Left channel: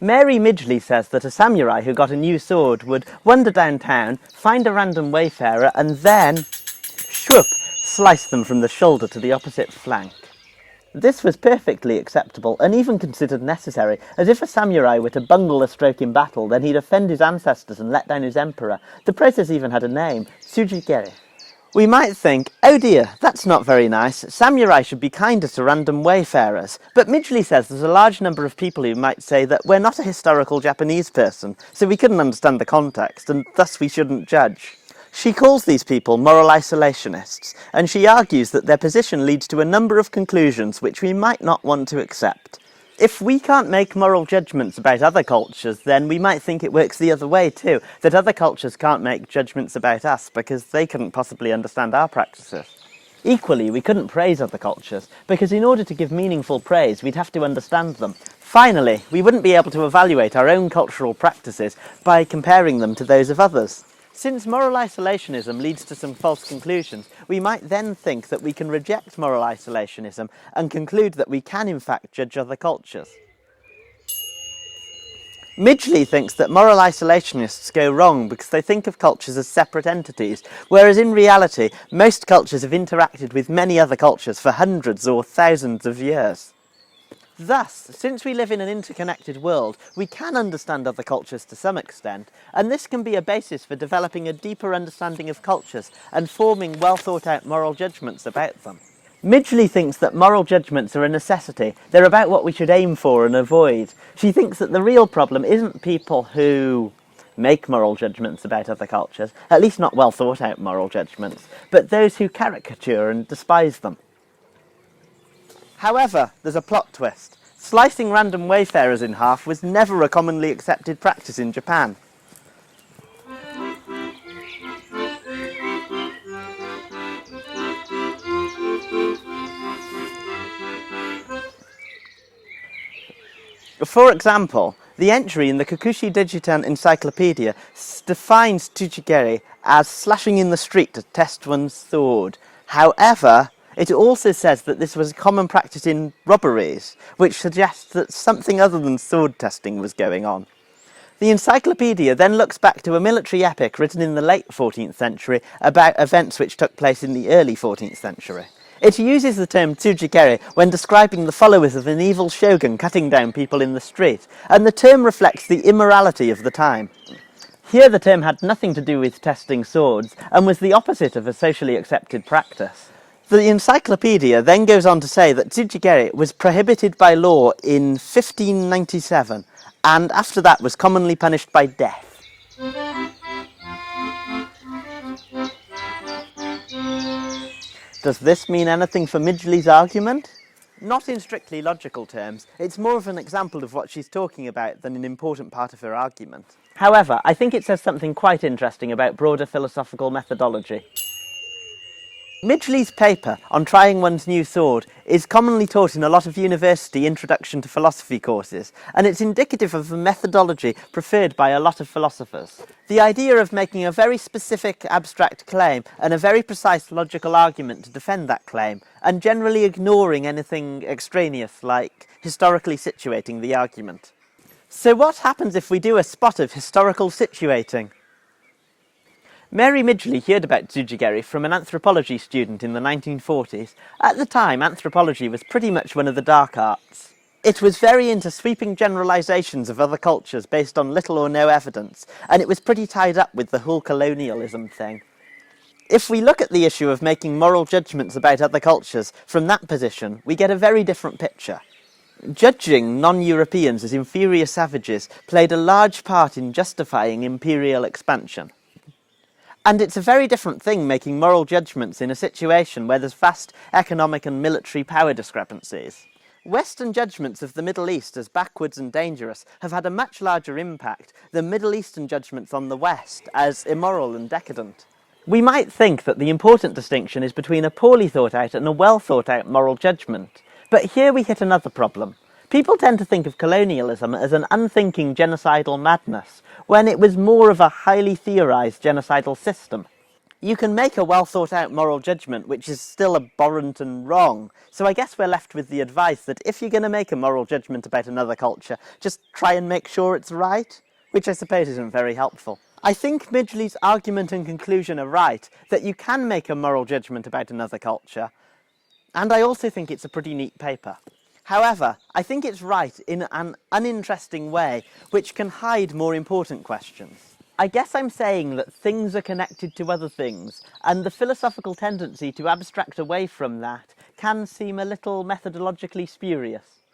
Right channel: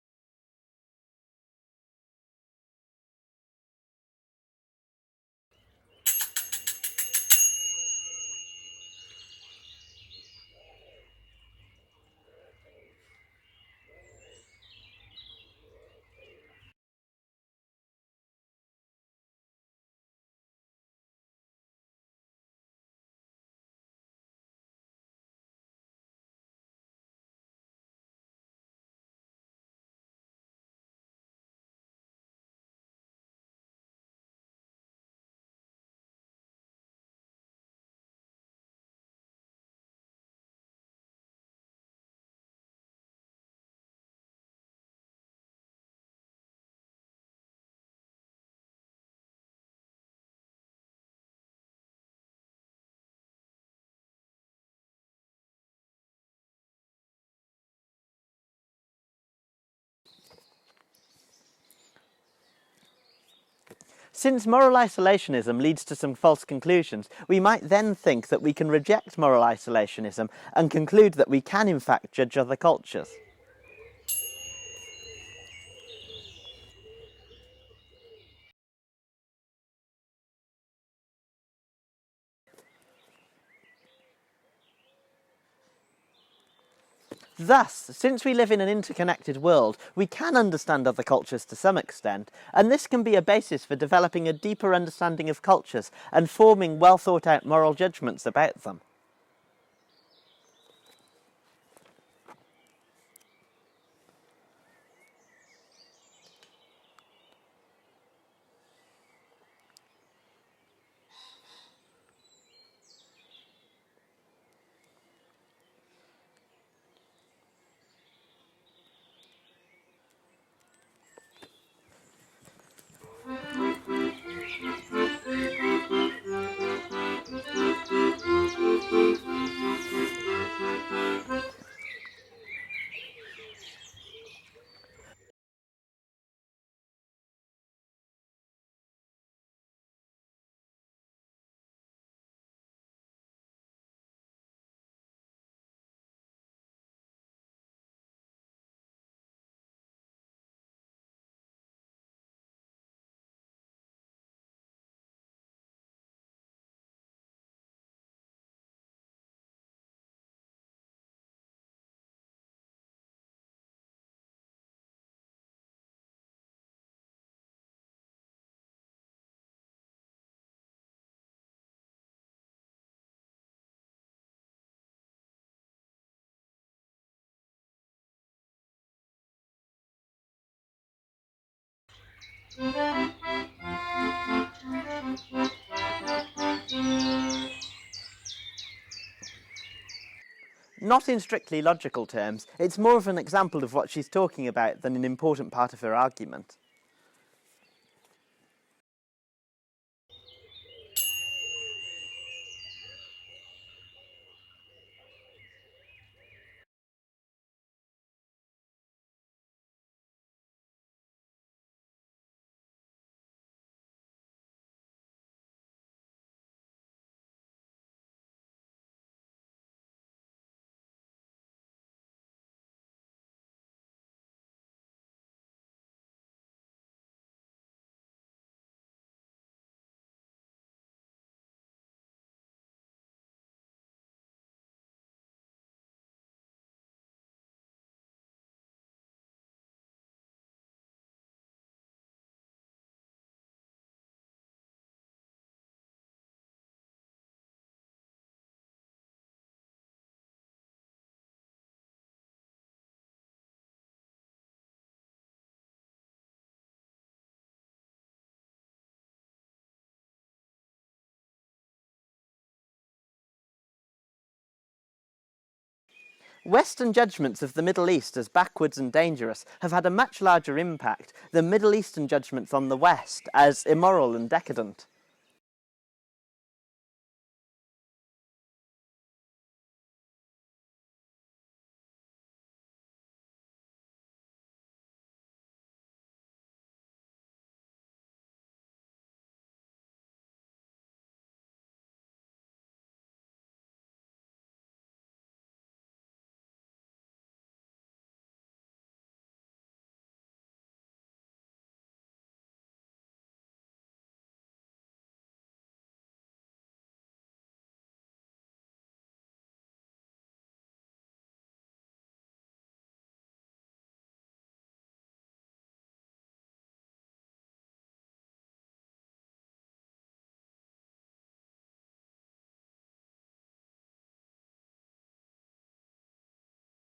Mary Midgley says that a samurai who got a new sword would wander downtown, find a random wayfarer, and then, shwoop, slice them from the shoulder to the opposite flank. This was perfectly acceptable and even considered necessary, as if a samurai were to bungle a stroke in battle, then he'd offend his ancestors and let down his emperor. The process even had a name, tsujigiri. We might think, oh dear, that's not very nice, samurai should be kinder to random wayfarers. But Midgley says there's a large number of people who might say that we're not a historical Japanese person, so we couldn't understand the context, and thus we shouldn't judge. She calls these people moral isolationists, and she argues that their position leads to a number of conclusions which we might not want to accept. If we can't make moral judgments about other cultures, then we might think it works the other way too, that other cultures can't make judgments about us because they couldn't possibly understand our practices. Equally, we couldn't praise other cultures, because in order to give meaningful praise, we'd have to understand them. Finally, we wouldn't be able to evaluate our own cultural practices by comparing them to those of others. Since moral isolationism leads to some false conclusions, we might then think that we can reject moral isolationism and conclude that we can in fact judge other cultures. Midgley thinks that moral isolationists go wrong because they think of cultures as separate entities, whereas in reality, most cultures have interacted with many other cultures for hundreds or thousands of years. Thus, since we live in an interconnected world, we can understand other cultures to some extent, and this can be a basis for developing a deeper understanding of cultures and forming well-thought-out moral judgments about them. Midgley thinks that moral judgments are a necessity. They're about what we should aim for and avoid. She thinks that the real problem isn't people who make moral judgments about other cultures, at least not well-thought-out moral judgments, but those who caricature and despise them. However, there's a plot twist. Slicing random wayfarers in half was never a commonly accepted practice in Japan. For example, the entry in the Kokushi Digitan Encyclopedia defines tsujigiri as slashing in the street to test one's sword. However, it also says that this was a common practice in robberies, which suggests that something other than sword testing was going on. The encyclopedia then looks back to a military epic written in the late 14th century about events which took place in the early 14th century. It uses the term tsujigiri when describing the followers of an evil shogun cutting down people in the street, and the term reflects the immorality of the time. Here the term had nothing to do with testing swords, and was the opposite of a socially accepted practice. The encyclopedia then goes on to say that tsujigiri was prohibited by law in 1597, and after that was commonly punished by death. Does this mean anything for Midgley's argument? Not in strictly logical terms. It's more of an example of what she's talking about than an important part of her argument. However, I think it says something quite interesting about broader philosophical methodology. Midgley's paper on trying one's new sword is commonly taught in a lot of university introduction to philosophy courses, and it's indicative of a methodology preferred by a lot of philosophers. The idea of making a very specific abstract claim and a very precise logical argument to defend that claim, and generally ignoring anything extraneous like historically situating the argument. So what happens if we do a spot of historical situating? Mary Midgley heard about tsujigiri from an anthropology student in the 1940s. At the time, anthropology was pretty much one of the dark arts. It was very into sweeping generalizations of other cultures based on little or no evidence, and it was pretty tied up with the whole colonialism thing. If we look at the issue of making moral judgments about other cultures from that position, we get a very different picture. Judging non-Europeans as inferior savages played a large part in justifying imperial expansion. And it's a very different thing making moral judgments in a situation where there's vast economic and military power discrepancies. Western judgments of the Middle East as backwards and dangerous have had a much larger impact than Middle Eastern judgments on the West as immoral and decadent. We might think that the important distinction is between a poorly thought out and a well thought out moral judgment. But here we hit another problem. People tend to think of colonialism as an unthinking genocidal madness, when it was more of a highly theorised genocidal system. You can make a well thought out moral judgment which is still abhorrent and wrong. So I guess we're left with the advice that if you're going to make a moral judgment about another culture, just try and make sure it's right, which I suppose isn't very helpful. I think Midgley's argument and conclusion are right, that you can make a moral judgment about another culture, and I also think it's a pretty neat paper. However, I think it's right in an uninteresting way, which can hide more important questions. I guess I'm saying that things are connected to other things, and the philosophical tendency to abstract away from that can seem a little methodologically spurious.